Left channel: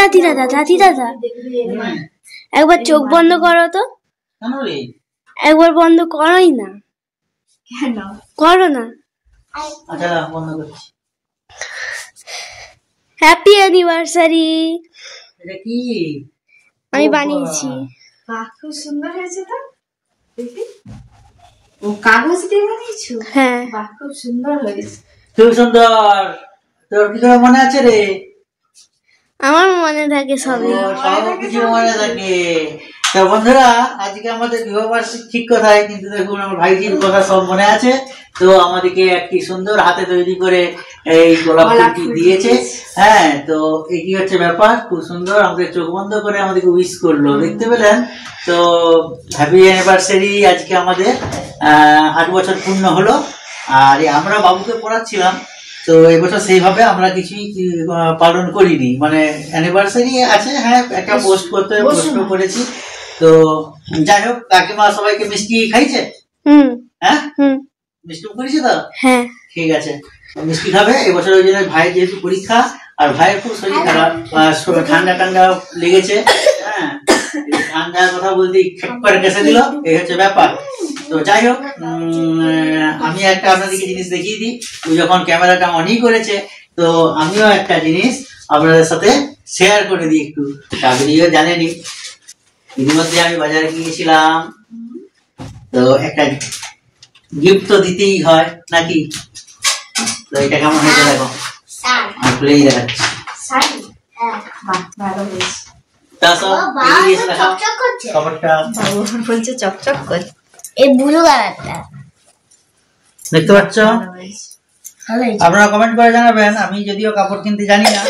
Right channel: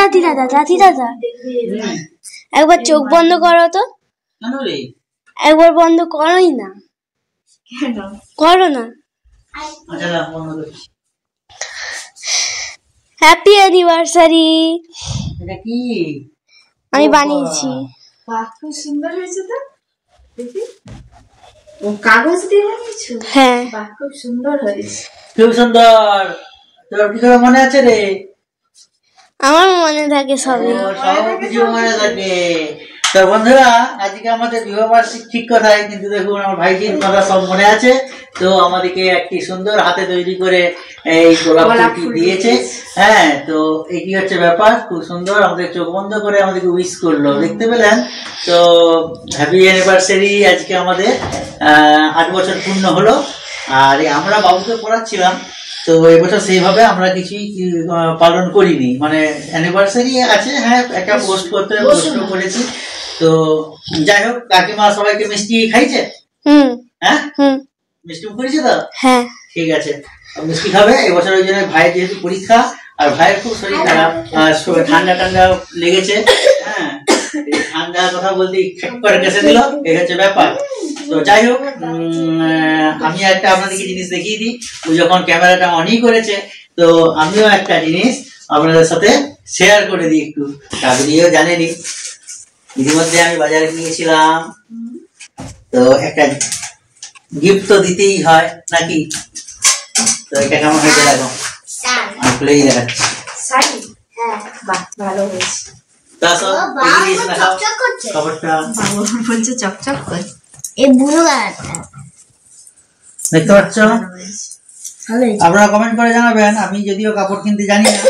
দাদি দাদা দাদি দাদা একবার চোখ বন্ধ করো তো। কেন রে? একবার বন্ধ করোই না। কেন করো না। আচ্ছা বন্ধ করছি। Happy anniversary. এটা কি? আমি বানিয়েছি। বাহ, খুব সুন্দর হয়েছে তো। দেখি, ও কাগজ দিয়ে বানিয়েছো? হ্যাঁ, বাহ, খুব সুন্দর হয়েছে। খুব সুন্দর। তোর কি করে মনে আছে রে? আমার মনে থাকে সবই। সব কিছু মনে থাকে। তো বন্ধুরা, আজকে আমাদের বিবাহবার্ষিক ঠিক কথাই, কিন্তু দেখুন আমার ভাইজির কথা সব মনে আছে। তো আমাদেরকে একটি সুন্দর হাতে তৈরি করে এই গোলাপ ফুলটি দিয়েছে। হ্যাঁ, তো এটি হচ্ছে ব্যাপার। খুব সুন্দর, আমাদের চোখ বন্ধ করে আমাদেরকে উইশ করলো, দেখতে পেলেন? তো হ্যাপি অ্যানিভার্সারি। আজকে আমাদের 8 বছর পূর্ণ হলো। আর আমরা বাবুকে পড়াচ্ছিলাম, তো এবছর সেইভাবে আমরা কিছুই পালন করিনি, মানে অ্যানিভার্সারি আছে, হ্যাঁ একটা পোস্ট করতে করেছি। তো যাই হোক, কাকিমা সবাইকে মিষ্টি খাইছে। হ্যাঁ, মিষ্টি করেছে তো। হ্যাঁ, ঠিক আছে, মিষ্টি খাবে এবছর। ওই জন্য ভাইয়ের যেহেতু পরীক্ষা, আর ভাইয়ের খুব শরীর খারাপ, ঠান্ডা ঠান্ডা লেগেছে। হ্যাঁ, ঠান্ডার কথা বলতে খেক করে কেসে দিল, এই হচ্ছে ব্যাপার। তো যাই হোক, আমি একটা আপনাদেরকে জিনিস দেখিয়ে দিই। ও যখন ক্যামেরাটা অনই করেছে, তো আমিও একটা জিনিস আপনাদের সাথে শেয়ার করে দিই একটু। আপনিও জানেনই, ইতিমধ্যে আমি বাজারে গিয়েছিলাম, তো একটা গিফট তো দিতেই হয় নাকি। তো এটা কেমন হয়েছে দেখো, আমি খুলেই দেখাচ্ছি। ভালো হয়েছে। চকচক করছে। দেখতে পাচ্ছ? আপনারা কমেন্ট করে জানাবেন। আমি যদিও কাপড় কিনতে জানি না,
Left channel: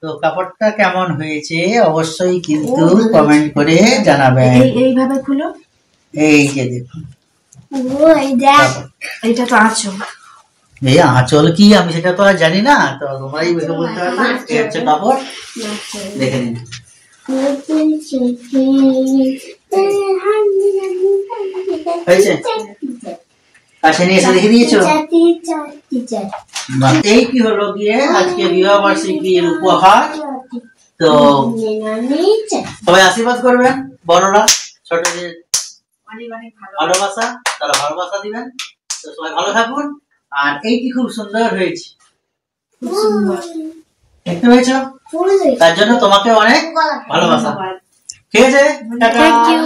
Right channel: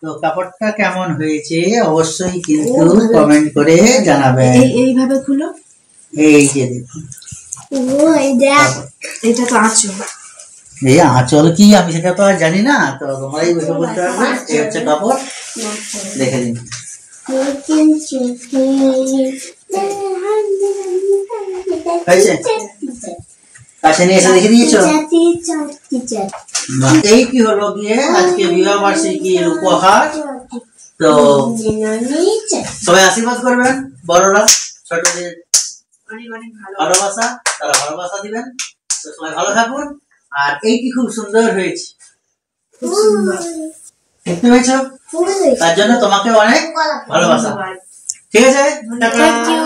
তো কাপড়টা কেমন হয়েছে অবশ্যই কিন্তু কমেন্ট করে জানাবেন। এইভাবে খুলো। এই যে দেখুন, এটা তো আঁচল। এই আঁচল কি আমি সেটা তো আর জানি না, তো তোমরাই বলতে পারবে। এই হচ্ছে কাপড়, দেখে দিন। হয়েছে? কাছে নিয়ে এসে দেখে দিয়েছো? এই কি হলো গিয়ে আজকে বিবাহ বার্ষিকীর উপহার। তো সবাই আশীর্বাদ করবেন, বড়রা ছোটদের ভালোবাসা, তারা ভালোবাসা দিবেন। তো সবাই ভালো থাকুন। আর এইটি খুব সুন্দর হয়েছে, দেখতে পেয়েছো? তার জন্য তোমাকে অনেক ভালোবাসা। ঠিক আছে, থ্যাংক ইউ।